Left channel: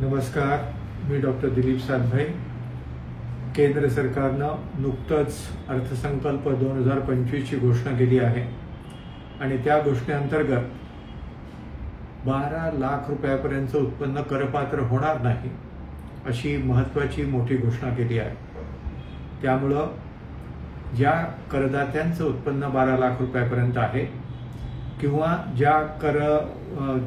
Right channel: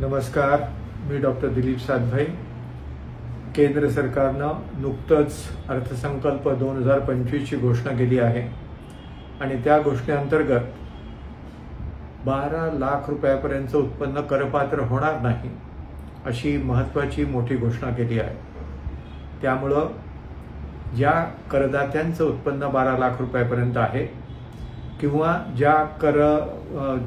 नमस्कार, मी डॉक्टर दिलीप सातभाई। केंद्र सरकारनं नुकतंच अर्थसंकल्प 2025 ची घोषणा केली आहे आणि त्या घोषणेअंतर्गत 12 लाख रुपयापर्यंत उत्पन्न करपात्र होणार नाही अशी महत्त्वाची मोठी घोषणा केली आहे। त्यामुळे ज्या करदात्यांचं उत्पन्न 12 लाख रुपयापर्यंत आहे किंवा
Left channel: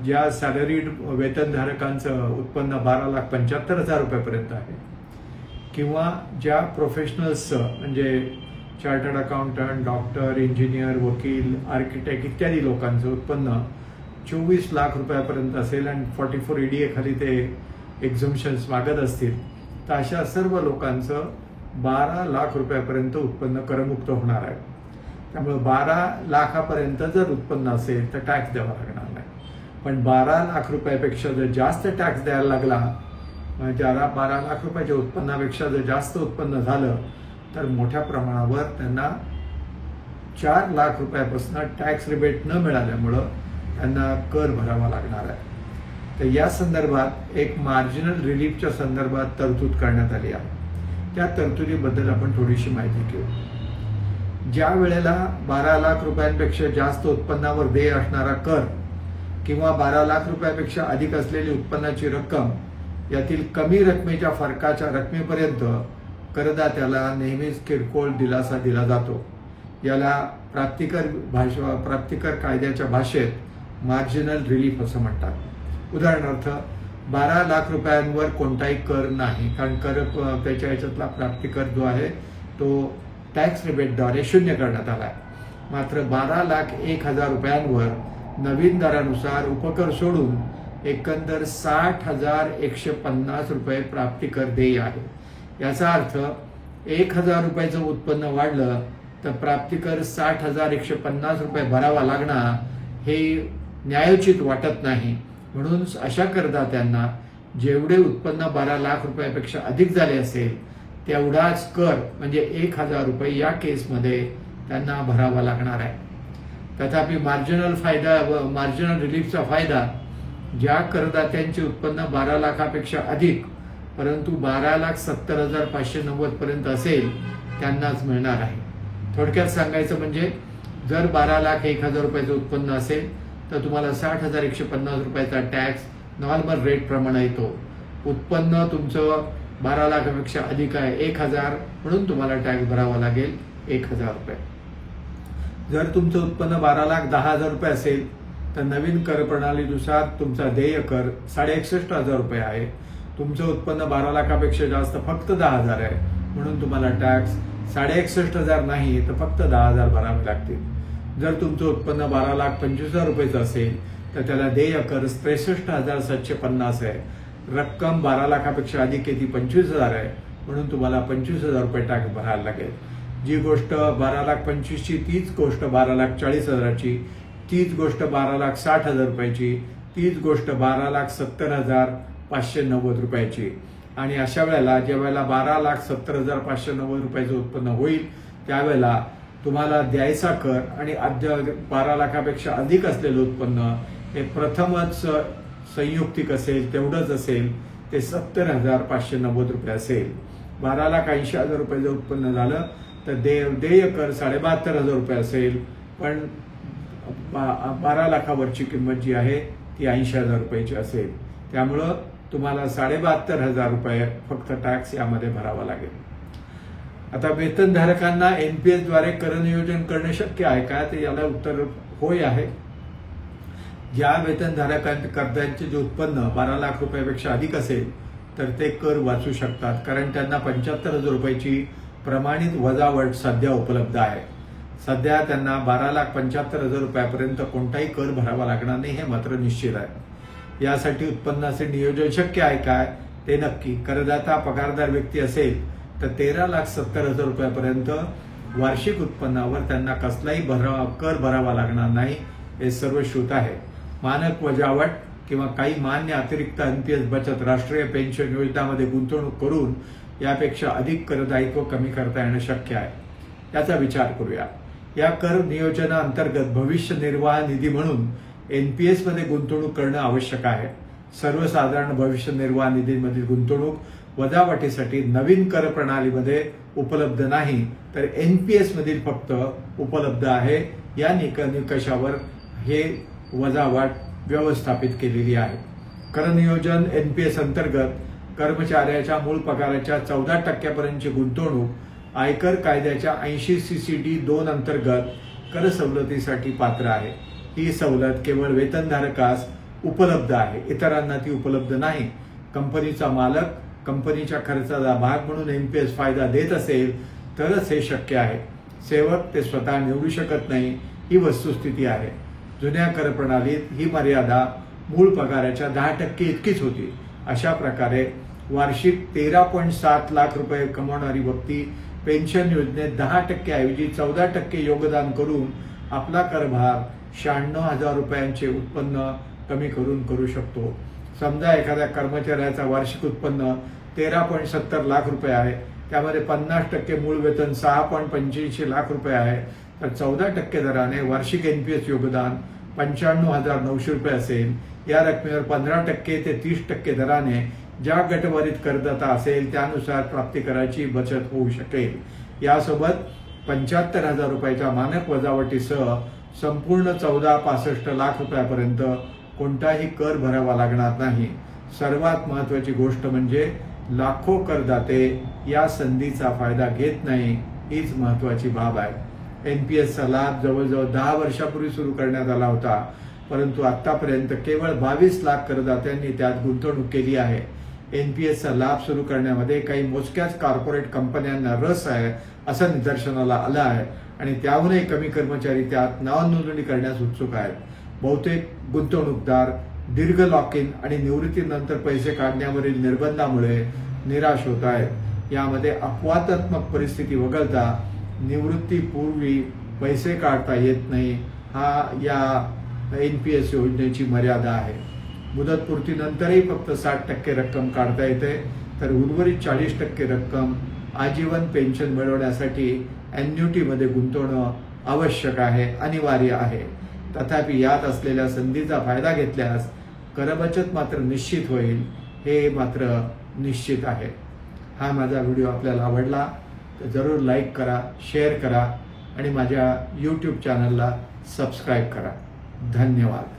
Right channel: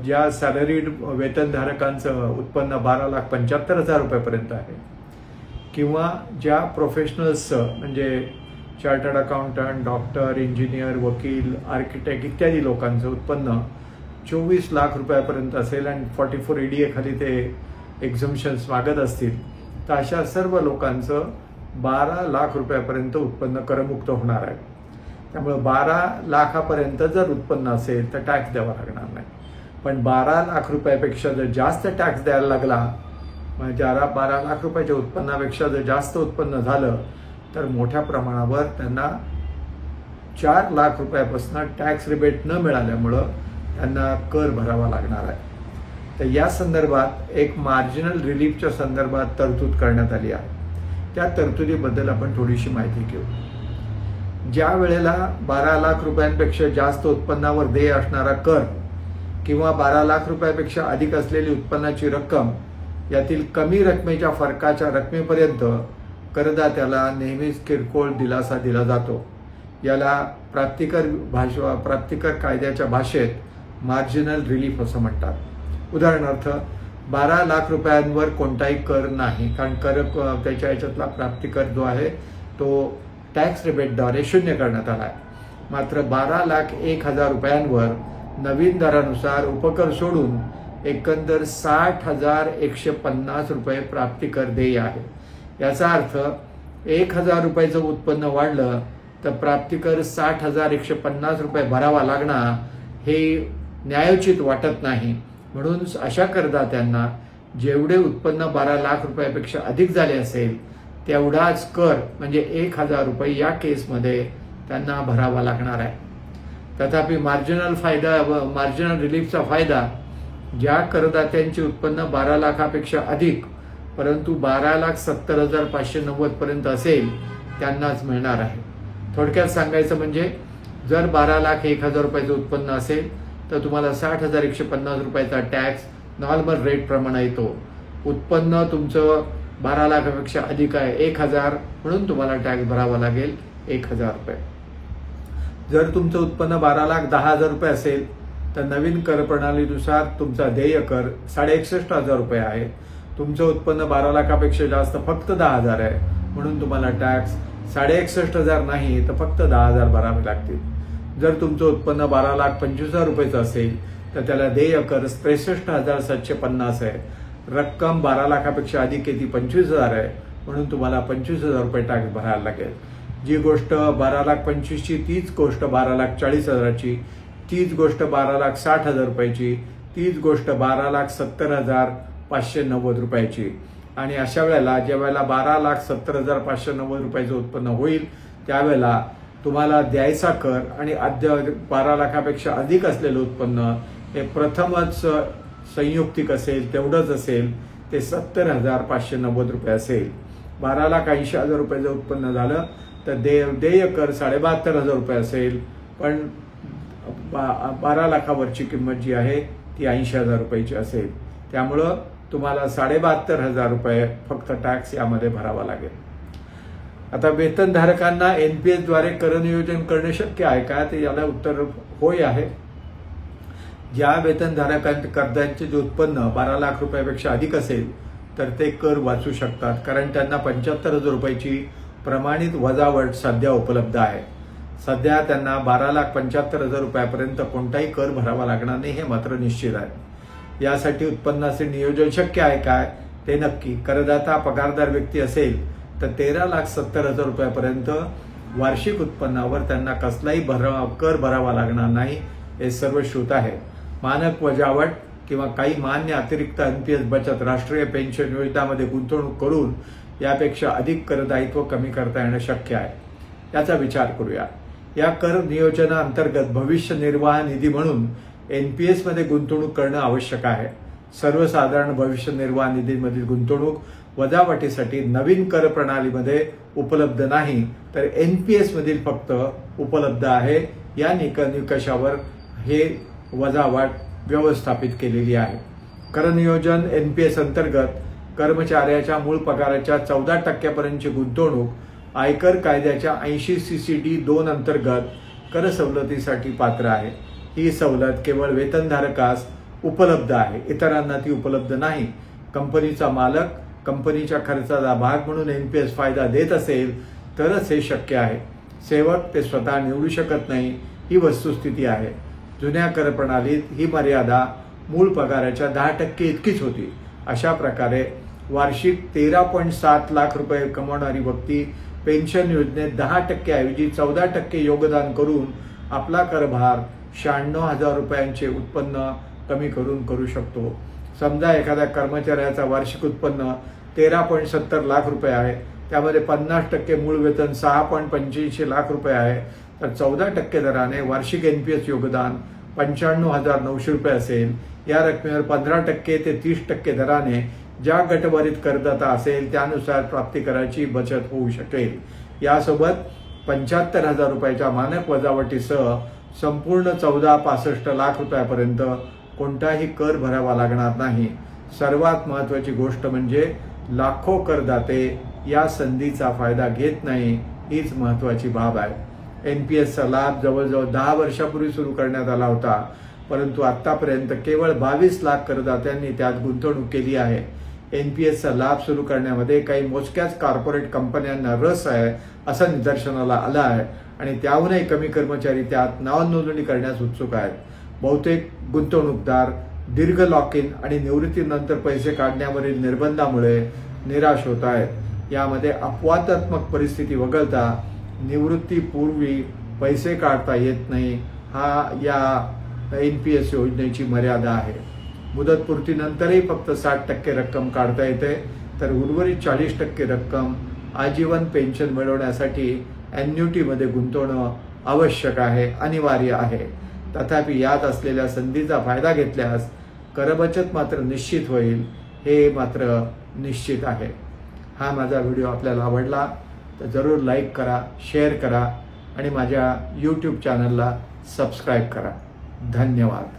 ज्या सॅलरीड वेतनधारकांचं उत्पन्न 12,75,000 रुपयापर्यंत आहे किंवा ज्या प्रोफेशनल्सचं म्हणजे चार्टर्ड अकाउंटंट, डॉक्टर, इंजिनियर, वकील, आर्किटेक्ट इत्यादी लोकांचं उत्पन्न 24 लाख रुपयापर्यंत असेल आणि 44 EDA खाली ते एक्झम्पशन्स मागत असतील तर अशा सर्व लोकांचं 12 लाख रुपयापर्यंत उत्पन्न करमुक्त होणार आहे। त्यामुळे 12 लाखापर्यंत जर उत्पन्न असेल तर टॅक्स द्यावा लागणार नाही, पण 12 लाख रुपयापेक्षा जर जास्त टॅक्स द्यायला लागला, म्हणजे 12 लाख रुपयाच्या उत्पन्नापेक्षा जर जास्त उत्पन्न झालं तर मोठ्या प्रमाणावर त्यांना 4 लाख रुपयापासून टॅक्स रिबेट न मिळाल्यामुळं त्यांना कर भरावा लागणार आहे। तर या संदर्भात एक मार्जिनल रिलीफच्या संदर्भात तरतूद करण्यात आली आहे। त्या तरतुदीबद्दल आपण थोडीशी माहिती घेऊ। ज्या वेळेला 12 लाख रुपयांपेक्षा जास्त उत्पन्नावर देय असणारा कर किंवा 12 लाख रुपयापेक्षा अधिक असलेली उत्पन्नाची रक्कम यातील कमी रकमेच्या फरकाच्या रकमेपर्यंत करदात्याला नेहमीच किरकोळ दिलासा दिला जातो। याला प्राप्तिकर कायद्याच्या भाषेत मार्जिनल रिलीफ असं म्हणतात। उदाहरणार्थ 12 लाख रुपयांवर कोणताही कर नाही, कारण त्याच्या याच्यातला प्राप्तिकर जो आहे तो टॅक्स रिबेटद्वारे शून्य करण्यात आला आहे। मात्र 12,01,000 रुपयांवर नवीन दरानुसार उपकर सोडून एकंदर 60,150 रुपये प्राप्तिकर देय आहे। याचा अर्थ 1,000 रुपयाचं उत्पन्न वाढलं तर प्राप्तिकर 60,150 रुपये भरावा लागणार हे न्यायोचित वाटत नाही। म्हणून अशा करदात्यांना जेवढे उत्पन्न 12 लाख रुपयापेक्षा अधिक झाले असेल तेवढाच कर म्हणजे 1,000 रुपये या केसमध्ये त्यांना भरावा लागणार आहे। तथापि मार्जिनल रिलीफचा फायदा ज्या करदात्यांचे उत्पन्न 12 लाखापेक्षा अधिक परंतु 12,70,590 पर्यंत असेल त्यांनाच मिळणार आहे। थोडक्यात सांगायचं म्हणजे जर 12,01,000 रुपयाचं उत्पन्न असेल तर तुम्हाला 60,150 रुपयाचा टॅक्स नॉर्मल रेट प्रमाणे येतो। उत्पन्न तुमचं 12 लाखापेक्षा अधिक आहे 1,000 म्हणून तुम्हाला टॅक्स भरावा लागेल 1,000 रुपये। जर तुमचं उत्पन्न 12,10,000 रुपये असेल तर नवीन कर प्रणालीनुसार तुमचा देय कर 61,500 रुपये आहे। तुमचं उत्पन्न 12 लाखापेक्षा जास्त फक्त 10,000 आहे, म्हणून तुम्हाला टॅक्स 61,500 नाही तर फक्त 10,000 भरावे लागतील। जर तुमचं उत्पन्न 12,25,000 रुपयाचं असेल तर त्याला देय कर 63,750 आहे। रक्कम 12 लाखापेक्षा अधिक आहे ती 25,000 आहे, म्हणून तुम्हाला 25,000 रुपये टॅक्स भरायला लागेल। जी गोष्ट 12,25,000ची तीच गोष्ट 12,40,000ची, तीच गोष्ट 12,60,000 रुपयाची, तीच गोष्ट 12,70,590 रुपयाची। आणि अशा वेळेला ज्या वेळेला 12,70,590 रुपयाचं उत्पन्न होईल त्यावेळेला तुम्हाला द्यायचा कर आणि 12 लाखापेक्षा अधिक असलेलं उत्पन्न हे प्रथमच संयुक्तिक असेल तेवढंच असेल, ते 70,590 रुपये असेल। 12,80,000 रुपयाचं उत्पन्न झालं तर देय कर 72,500 रुपये असेल, पण 12 लाखावरची किंमत जी आहे ती 80,000 रुपयाची असेल। त्यामुळं तुम्हाला 72,500 रुपये फक्त टॅक्स यामध्ये भरावा लागेल। आता वेतनधारकांना NPS द्वारे कर नियोजन करणे शक्य आहे का, ते याला उत्तर होय आहे। ज्या करदात्यांचे जे उत्पन्न 12 लाख रुपयापेक्षा अधिक असेल तर ते कर वाचू शकतात, कारण त्यांना 75,000 रुपयाची प्रमाणित वजावट सध्या उपलब्ध आहे। सध्या त्यांना 12,75,000 रुपयापर्यंत कोणताही कर भरावा लागणार नाही, हे मात्र निश्चित आहे। यासाठी उत्पन्नाचे नियोजन शक्य आहे काय, ते नक्की। करदाता पगारदार व्यक्ती असेल तर 13,70,000 रुपयापर्यंत वार्षिक उत्पन्नावर त्यांना कसलाही कर भरावा लागणार नाही, हे सर्व श्रुत आहे। मानक वजावट किंवा काही मान्य अतिरिक्त NPS बचत राष्ट्रीय पेन्शन योजनामध्ये गुंतवणूक करून यापेक्षा अधिक करदायित्व कमी करता येणं शक्य आहे। याचा विचार करूया। या कर नियोजनाअंतर्गत भविष्य निर्वाह निधी म्हणून NPS मध्ये गुंतवणूक करणं आवश्यक आहे। सर्वसाधारण भविष्य निर्वाह निधीमधील गुंतवणूक वजावटीसाठी नवीन कर प्रणालीमध्ये उपलब्ध नाही, तर एनपीएस मधील फक्त उपलब्ध आहे। या निकषावर हे वजावट व्यवस्थापित केलेली आहे। कर नियोजन एनपीएस अंतर्गत कर्मचाऱ्याच्या मूळ पगाराच्या 14% गुंतवणूक आयकर कायद्याच्या 80 CCD 2 अंतर्गत कर सवलतीसाठी पात्र आहे। ही सवलत केवळ वेतनधारकास उपलब्ध आहे, इतरांना ती उपलब्ध नाही। कंपनीचा मालक कंपनीच्या खर्चाचा भाग म्हणून एनपीएस फायदा देत असेल तरच हे शक्य आहे। सेवक ते स्वतः निवडू शकत नाही, ही वस्तुस्थिती आहे। जुन्या कर प्रणालीत ही मर्यादा मूळ पगाराच्या 10% इतकीच होती। अशा प्रकारे वार्षिक 13.7 लाख रुपये कमवणारी व्यक्ती पेन्शन योजनेत 10% ऐवजी 14% योगदान करून आपला करभार 96,000 रुपयांचे उत्पन्न कमी करू शकतो। समजा एखाद्या कर्मचाऱ्याचा वार्षिक उत्पन्न 13.70 लाख रुपये आहे, त्यामध्ये 50% मूळ वेतन 6.85 लाख रुपये आहे, तर 14% दराने वार्षिक एनपीएस योगदान 95,900 रुपये असेल। या रकमेवर 15% ते 30% दराने ज्या गटवारीत करदाता असेल त्यानुसार प्राप्तिकराची बचत होऊ शकेल। यासोबत 75,000 रुपयाच्या मानक वजावटीसह संपूर्ण 14.65 लाख रुपयापर्यंत कोणताही कर भरावा लागणार नाही। सर्वात महत्त्वाची गोष्ट म्हणजे लाखो करदाते या संधीचा फायदा घेत नाही, हीच महत्त्वाची बाब आहे। एनपीएसचा लाभ जवळजवळ 10 वर्षापूर्वी सुरू करण्यात आला होता, परंतु आतापर्यंत केवळ 22 लाख करदात्यांनी त्यात गुंतवणूक केली आहे। एनपीएसचा लाभ सुरू करण्यामध्ये काही मोजक्याच कॉर्पोरेट कंपन्यांना रस आहे असं निदर्शनाला आलं आहे आणि त्याहूनही कमी कर्मचारी त्यात नावनोंदणी करण्यास उत्सुक आहेत। बहुतेक गुंतवणूकदार दीर्घ लॉक इन आणि निवृत्तीनंतर पैसे काढण्यावरील निर्बंधामुळे निराश होत आहेत। यामध्ये अपवादात्मक परिस्थिती वगळता निवृत्तीपूर्वी पैसे काढता येत नाही, हा या एनपीएस योजनेची मर्यादा आहे। मुदतपूर्तीनंतरही फक्त 60% रक्कम काढता येते, तर उर्वरित 40% रक्कम आजीवन पेन्शन मिळवण्यासाठी अॅन्युइटीमध्ये गुंतवणं आवश्यक आहे, अनिवार्य आहे। तथापि यात असलेल्या संधीचा फायदा घेतल्यास करबचत मात्र निश्चित होईल, हे मात्र निश्चित आहे। हा माझा व्हिडिओ आपल्याला आवडला तर जरूर लाईक करा, शेअर करा आणि माझ्या YouTube चॅनलला सबस्क्राईब करा। धन्यवाद।